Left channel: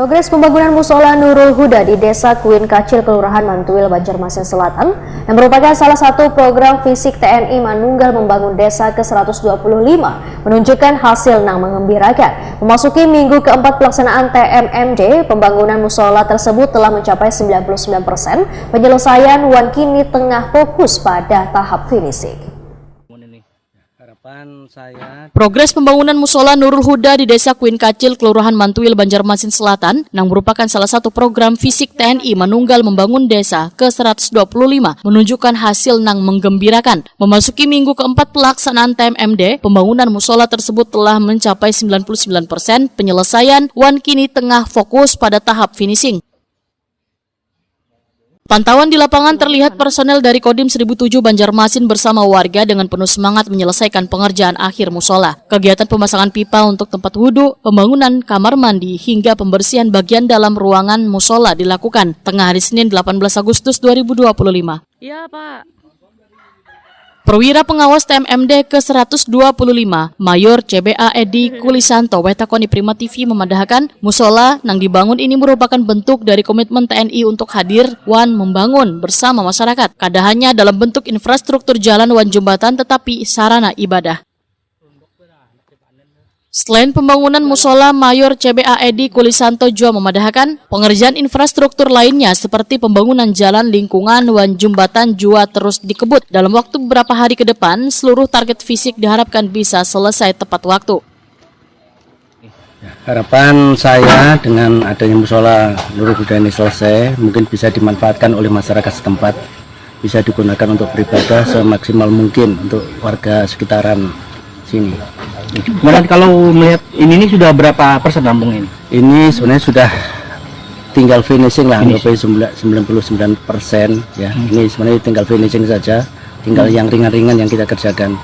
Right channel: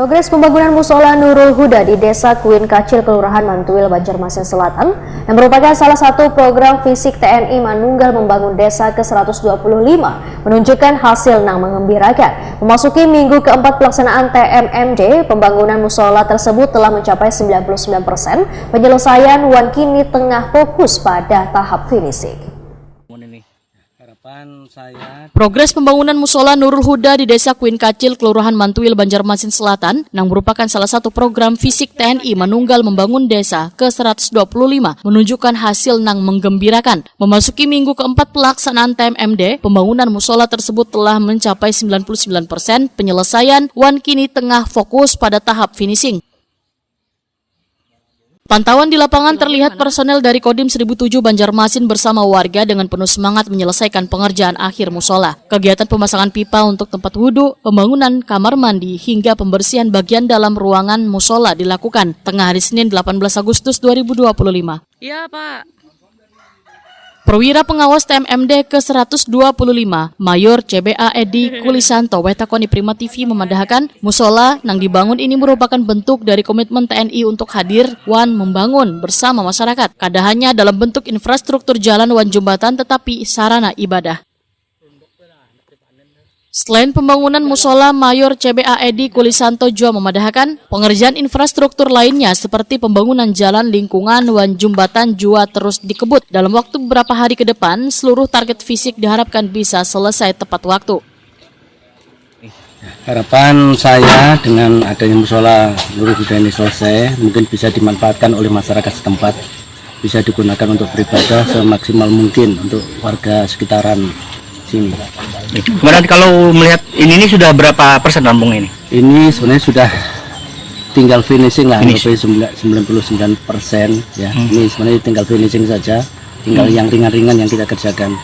Progres pembangunan Musola Nurul Huda di Desa Kuin Kacil, Kelurahan Mantuil, Banjarmasin Selatan, yang merupakan salah satu program fisik TNI Manunggal membangun desa ke-125, menunjukkan hasil yang mengembirakan. Memasuki minggu keempat pelaksanaan TMMD, pembangunan musola tersebut telah mencapai 99%, penyelesaian wan kini tengah fokus pada tahap finishing. Progres pembangunan musola Nurul Huda di Desa Kuin Kacil, Kelurahan Mantuil, Banjarmasin Selatan, yang merupakan salah satu program fisik TNI Manunggal membangun desa ke-125, menunjukkan hasil yang menggembirakan. Memasuki minggu keempat pelaksanaan TMMD, pembangunan musola tersebut telah mencapai 99%, penyelesaian wan kini tengah fokus pada tahap finishing. Pantauan di lapangan terlihat personel dari Kodim 1007 Banjarmasin bersama warga dengan penuh semangat menyelesaikan pengerjaan akhir musola. Kegiatan pemasangan pipa untuk tempat wudhu, pembangunan kamar mandi, hingga pembersihan bagian dalam ruangan musola dilakukan tengah hari Senin 18 Agustus 2025. Iya, Pak. Perwira pengawas TMMD ke-125, Mayor CBA Edi Kulisanto, Wetakoni Prima TV memadahkan musola yang dibangun ini merupakan bentuk dari komitmen TNI untuk hadir wan membangun bersama masyarakat. Kada hanya dalam bentuk infrastruktur jalan wan jembatan tetapi sarana ibadah. Selain pembangunan musola, Mayor CBA Edi Kulisanto juga memadahkan pengerjaan infrastruktur lainnya seperti pembangunan jalan lingkungan wan jembatan juga terus dikebut. Dalam waktu beberapa hari ke depan, seluruh target fisik diharapkan bisa selesai tepat waktu. Harapan saya dengan adanya musola Nurul Huda ini selesai, mungkin bisa dimanfaatkan oleh masyarakat setempat, bisa digunakan untuk beribadah semaksimal mungkin untuk warga sekitaran sini. Kemudian kalau melihat ini sudah berapa persen rampung ini? Ini sebenarnya sudah tinggal finishing lah, sampai 99% ya. Ini sebenarnya tinggal finishing saja, tinggal yang ringan-ringan yang kita kerjakan.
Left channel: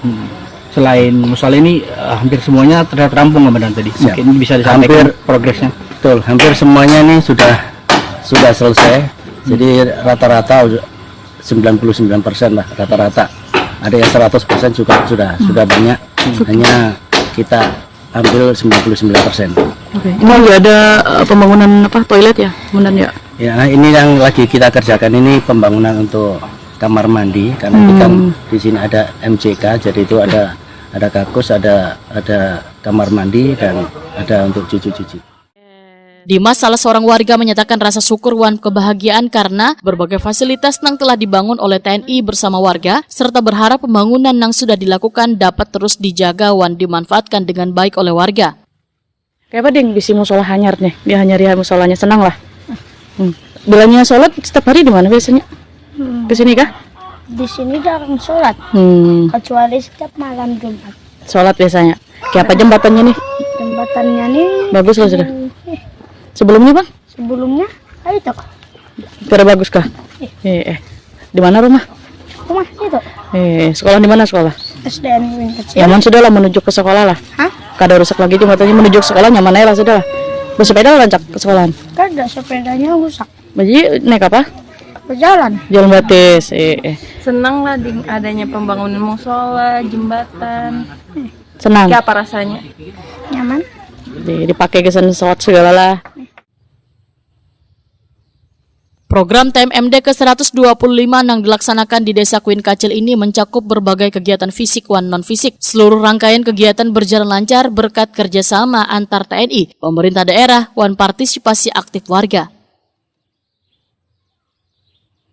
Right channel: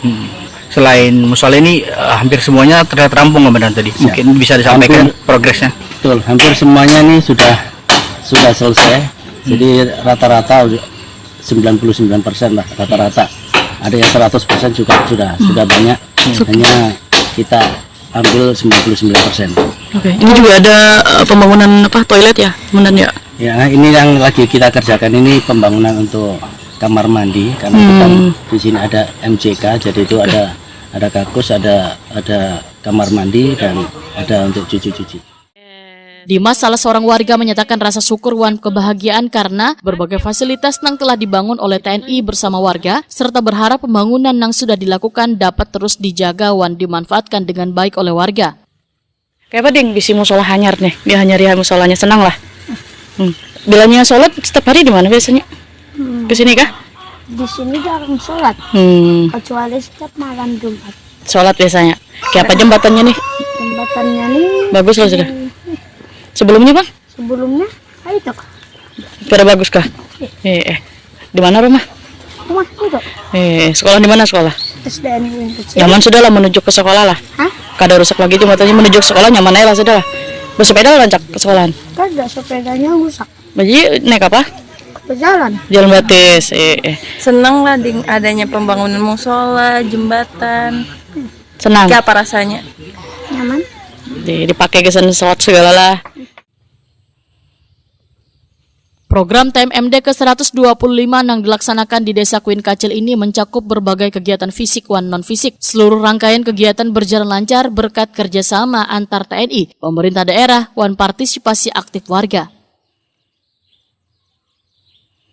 Selain musola ini hampir semuanya terlihat rampung Komandan tadi. Mungkin bisa disampaikan progresnya. Betul, hampir semuanya ini sudah selesai. Jadi rata-rata 99% lah rata-rata. Ada yang 100% juga sudah banyak. Hanya kita ambil 99%. Oke. Ini ada pembangunan toilet ya, Komandan ya? Ya, ini yang lagi kita kerjakan ini pembangunan untuk kamar mandi karena kita di sini ada MCK, jadi itu ada kakus, ada kamar mandi dan ada untuk cuci-cuci. Dimas, salah seorang warga, menyatakan rasa syukur wan kebahagiaan karena berbagai fasilitas yang telah dibangun oleh TNI bersama warga, serta berharap pembangunan yang sudah dilakukan dapat terus dijaga wan dimanfaatkan dengan baik oleh warga. Kayak apa ding bisi musola hanyar nih, dia hanyar ya musolanya, senang lah. Bilangnya sholat setiap hari di mana biasanya? Kesini kah? Di sini jarang sholat, kecuali setiap malam Jumat. Sholat biasanya. Kayak apa jembatannya nih? Jembatannya nih bagus loh sudah. Sebelumnya Bang? Sebelumnya itu. Kira bagus kah? Di mana rumah? Rumah itu. Sekolah di mana sekolah? SDN Kuin Kacil. Nyaman sudah lah menuju ke sekolah lah. Hah? Kada rusak lagi jembatannya, menuju ke sekolah nyaman aja lah sudah lah. Bersepeda lancak ke sekolahan? Kada, sepedanya rusak. Jadi naik apa? Berjalan. Jalan batis. Senang lah di adanya pembangunan musola, jembatan. Senang. Kayak apa rasanya? Nyaman. Dipakai kesan sholat segala lah. Program TMMD ke-125 yang dilaksanakan di Desa Kuin Kacil ini mencakup berbagai kegiatan fisik wan non-fisik. Seluruh rangkaian kegiatan berjalan lancar berkat kerjasama antar TNI, pemerintah daerah, wan partisipasi aktif warga.